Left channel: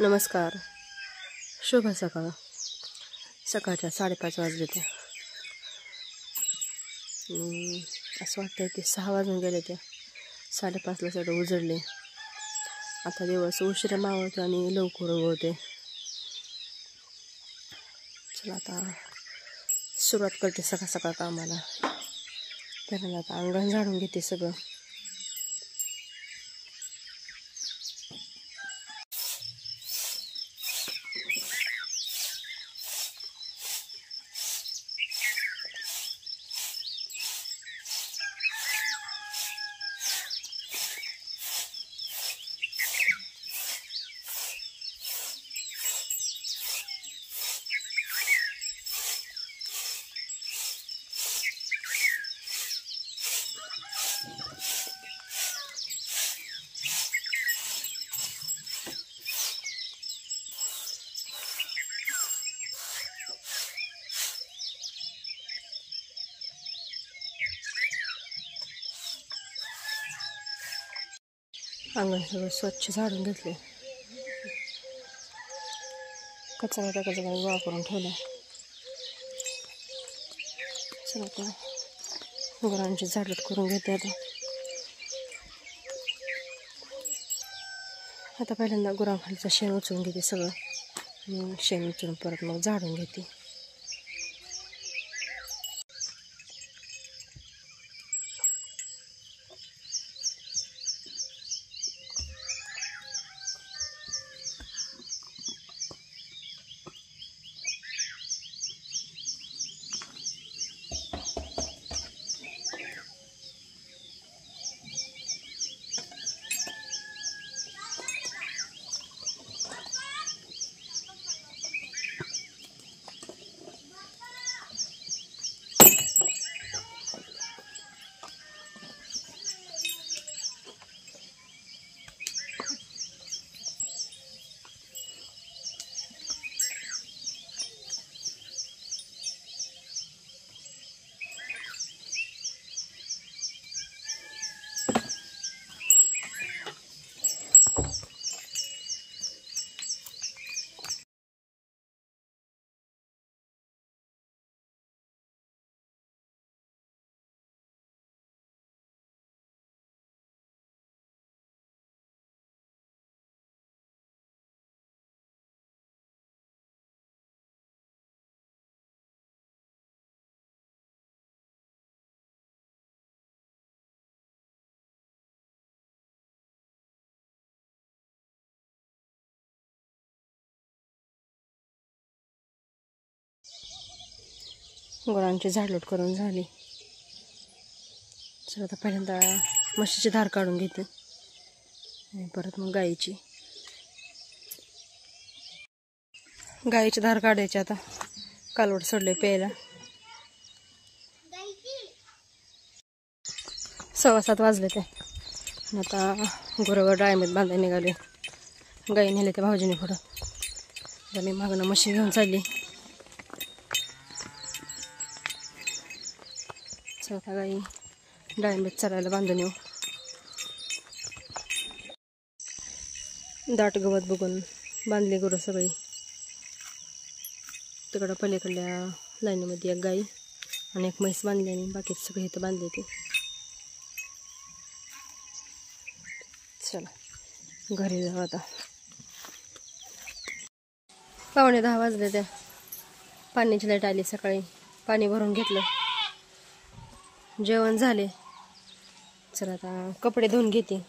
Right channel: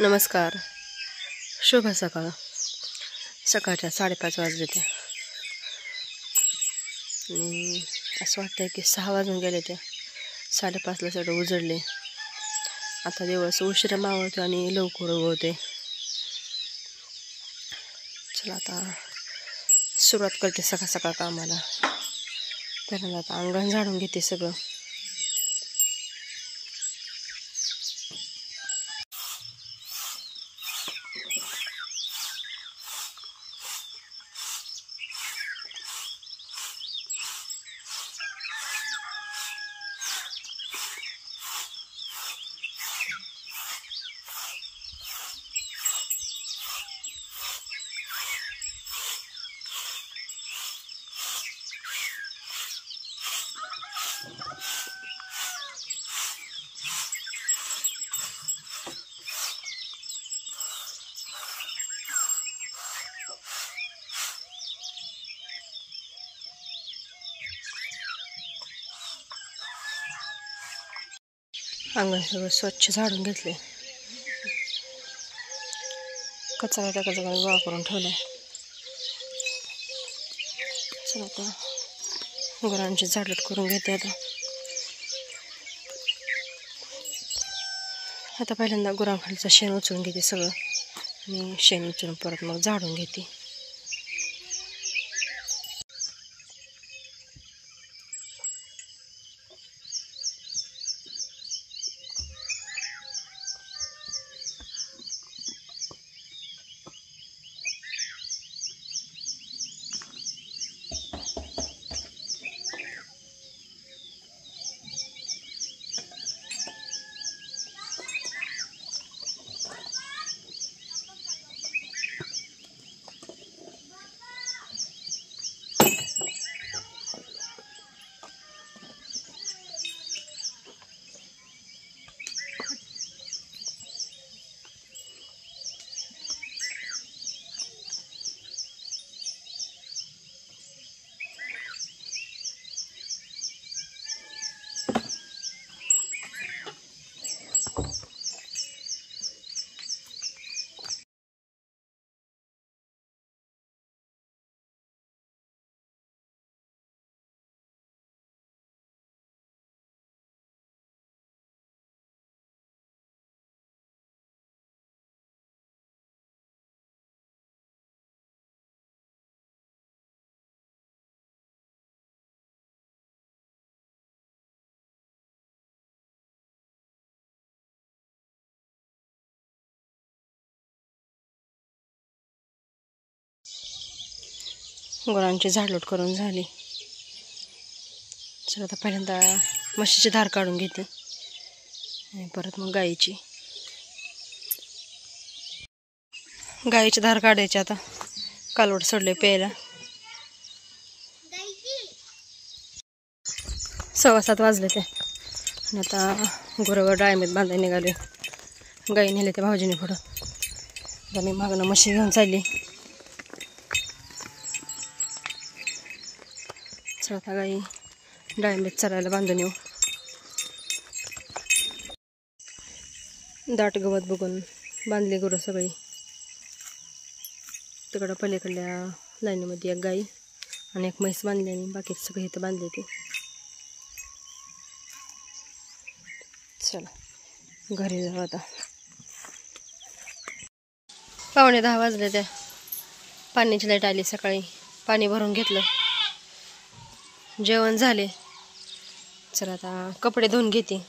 नमस्कार, शुभ सकाळ. सकाळच्या 5:30 वाजले ते आणि असं वाटतंय की 6 वाजून गेले ते. 5:30ला सगळं उजळले. आता दिवस उशिरा मावळतो आणि लवकर उगवते. चला आता सुरुवात करते सकाळ सकाळ कामाला. पहिल्यांदा आता अंगण झाडून घेते सगळं. अंगण सगळं स्वच्छ झाडून घेतले. कचरा टाकायचा गोळा करून ठेवलाय. चला आता गुरांची झाडलोट करून घेते. आता पहिल्यांदा गुरांखालीचं शेण उचलून घेते सगळं आणि शेण उचलून परत मग झाडून घेते. गुरांची झाडलोट करून झाली. चला आता पहिल्यांदा म्हशीची धार काढून घेते आणि परत मग गाईची धार काढायची. आता कालवड सोडले प्यायला. 7:15 वाजले ते आणि आता गुरं डाळीमध्ये बांधायला निघाले. गाई नेले ते भाऊजीने पुढं. आता मी मागणं म्हशी घेऊन चालली. चला आता गाई डाळिंबीत चरायला बांधून येऊ. दाट गवत बघून बांधली गुरं सगळी. तिकडं पलीकडल्या लाईनीमध्ये एक गाई आणि एक म्हैस बांधली आणि बाकी सगळे इथं बांधले ते. चला घरी जाऊ आता. 9:15 वाजले त्या. पाण्याची लाईट आली सकाळी. पाणी भरून घेतलं. जेवण झाले. चला आता कपडे धुवून घेते.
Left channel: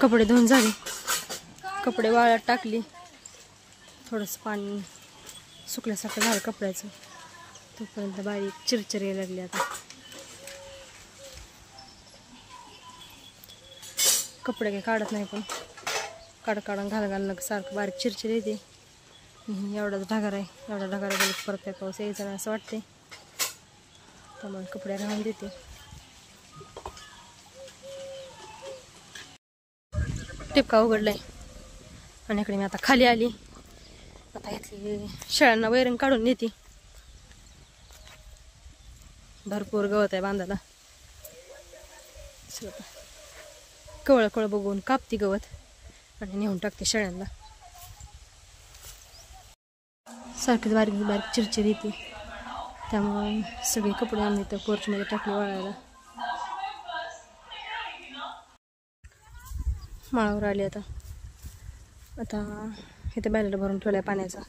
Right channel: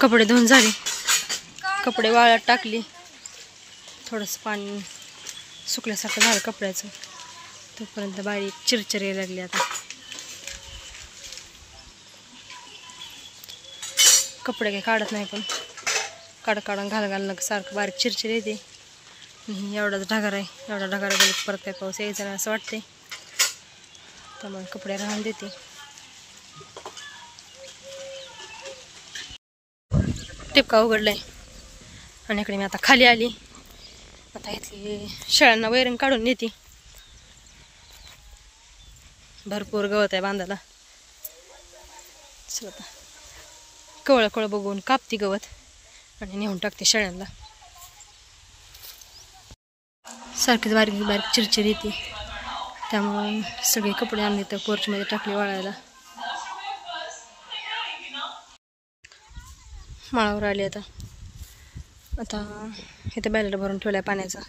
कपडे धुवून झाले, कपडे वाळत टाकली, थोडंसं पाणी सुकल्यासारखं झालं कपड्याचं, तोपर्यंत बारीक चिरचिर यायला लागली. आता कपडे काही काढत नाही, पण काढून घालणं सारखं बारीक चिरचिर येते. एवढाच ढगार आहे, एवढा ढगार गेले परत काय पाऊस यायचा नाही असं वाटते, त्यामुळे कपडे राहून देते. टिपका उघडलाय आणि इकडे मी आता खाली आली. आता इथली शेळ्यांना वैरण काढून नेते. भरपूर गवत आहे बांधायला. आता कवळ बघून कापती गवत आणि नेऊन टाकते शेळ्यांना. सारखीच बारीक बारीक चिरचिर येते, त्यामुळं सगळे कपडे आणले तर पोर्चमध्ये टाकले वाळायला. माळावर आले आता इथं बॅलेट भरून ठेवलाय पाण्याचा.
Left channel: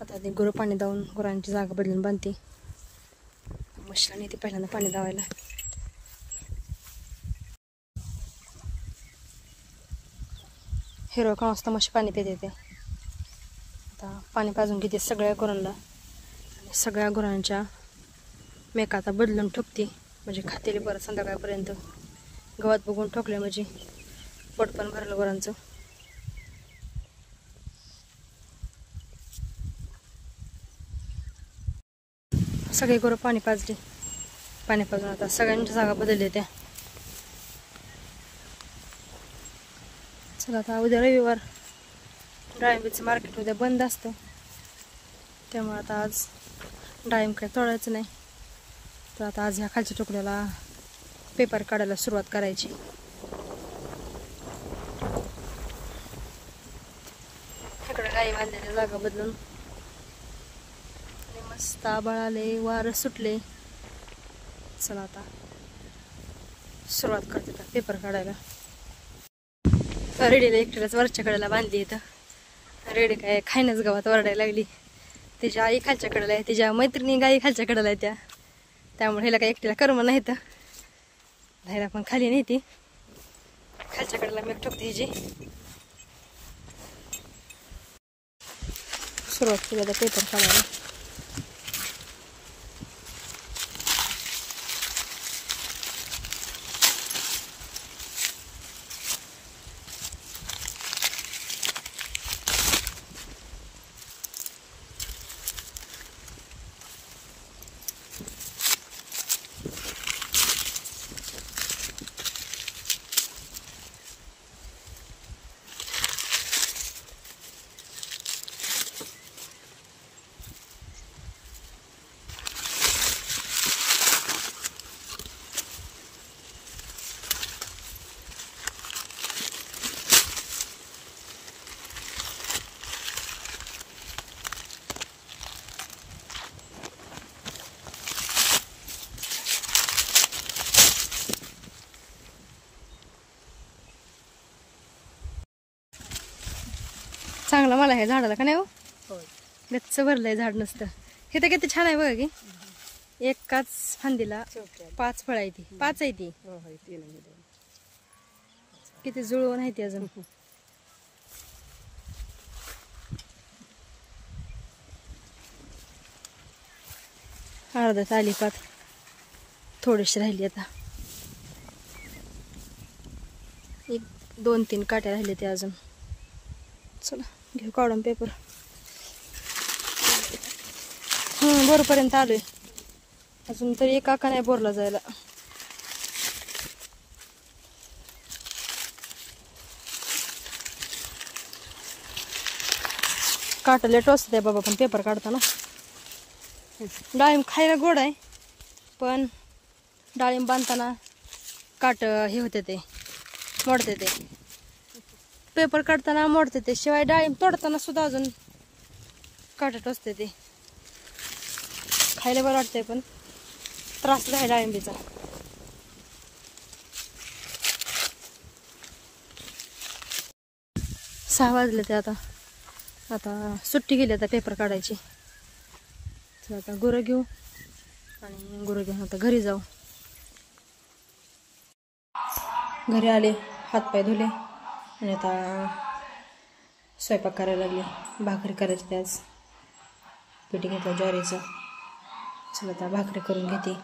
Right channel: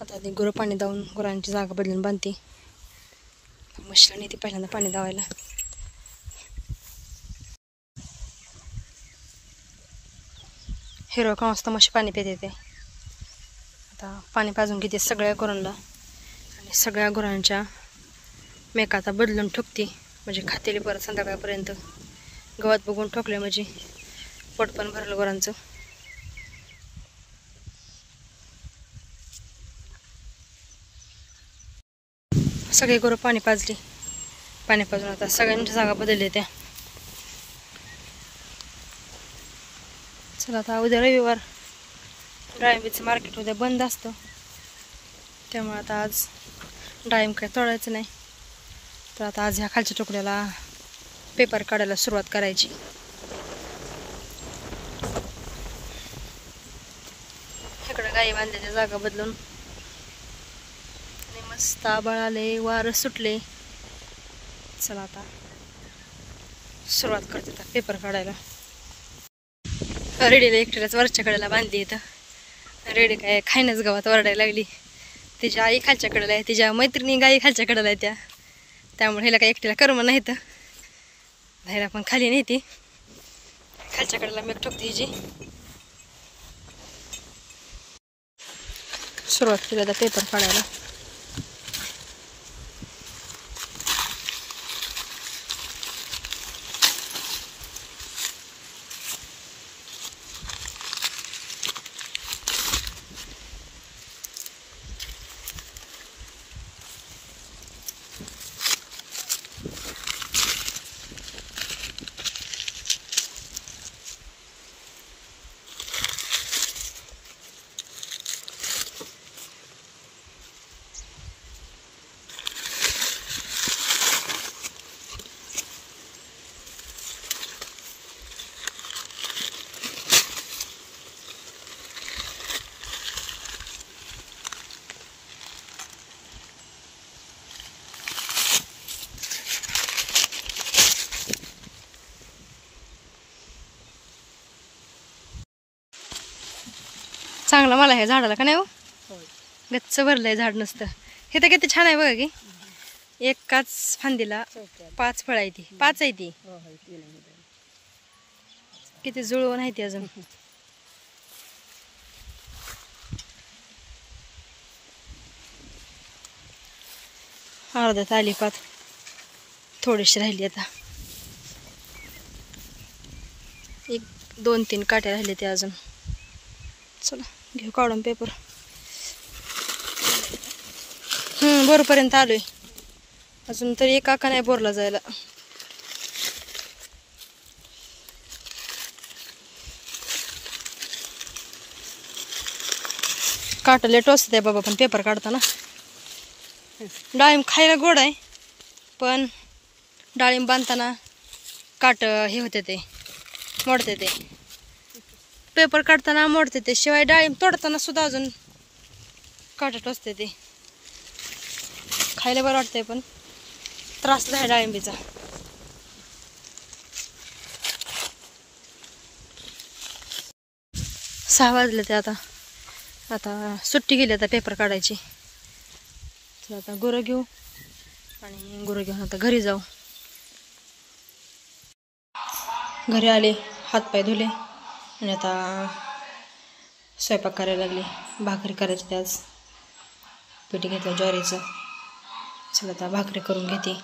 आता ते गुरं पाणी दावून गुरांची जागा बदलून बांधते. म्हशीला नेते पहिल्यांदा पाणी दावायला. हिरवं का वाजता म्हशी पाणी पिते ते. आता पाणी पाजून घेते सगळ्या गुरांना आणि सगळ्या गुरांच्या मेका आता बदलून ठोकते, म्हणजे खातेली परत संध्याकाळपर्यंत. गवत बघून ठोकले म्हणजे पोट पण भरलं गुरांचं. सगळे गुरं पाणी पाजली. पाणी पाजून आता सगळ्यांच्या जागा बदलल्या त्या. चला आता उद्या रविवार, डाळिंबीचं मार्केट उद्या बंद असतं, त्यामुळे आता आज डाळिंब काय तोडायचं नाही. तर आता आज ह्या खालच्या तुकड्याला पेपर काढायला सुरुवात करायची. इकडं गाई बांधलेल्या जागा बदलून आणि मस्त आभाळ आले, वारं सुटले. चला आता सुरुवात करते आता पेपर काढायला. रेडीला एकट्यालाच वरच्या कडेला बांधली. इथं रेडी काय खायनच गावात वरडायला लागली. तिच्या आई खालच्या कडेला आहे, तिच्या मैत्रिणी गाई खालच्या कडेला आहे त्यामुळे हिला काय एकटीला कर्म नाही. तर बाहेर पण खाली नाही, ती खालच्या कडेला मी ठोकते. हिची सुरुवात केली आता पेपर काढायला. चांगलं मला हे झाडाला का नाही हो, गच्च भरलंय झाड नसतं. हे तर किती छान आहे बघा की, एकाच फांदीला 5 फळं आहे. ती 5 आहे. ती किती जुळवून आहे ती अजून. अर्ध्यात आली पात, थोडीशी राहिली. आता 1, 2, 3 काट्या राहिले ते अजून. चला घेऊ काढून पेपर. बोरपर्यंत आलोय, अजून तरी एक आका नाही बोरला जायला. काट लेट असते बाबा, पण पेपर काढताना. डाळिंब खायला गोड आहे, पण डाळिंब बांधताना काट हे होते, ते मोडते. ते पेपर काढताना मोडते ते, शिवाय डाळिंब तोडताना सुद्धा अजून काटत असते. ते खायला बरं वाटतंय, पण त्रास आहे डाळिंबीचा. सहा वाजले ते. आता सुट्टी गेली आता पेपर काढायची. तर आता गुरं घेऊ आणि गुरं घेऊन आता घरी जाऊ. घरी आले, हातपाय धुले. आणि आता स्वयंपाक करायला लागली. भाकरी करायची त्याच पीठ घेतलं ज्वारीचं. चला आता भाकरी करून घेते.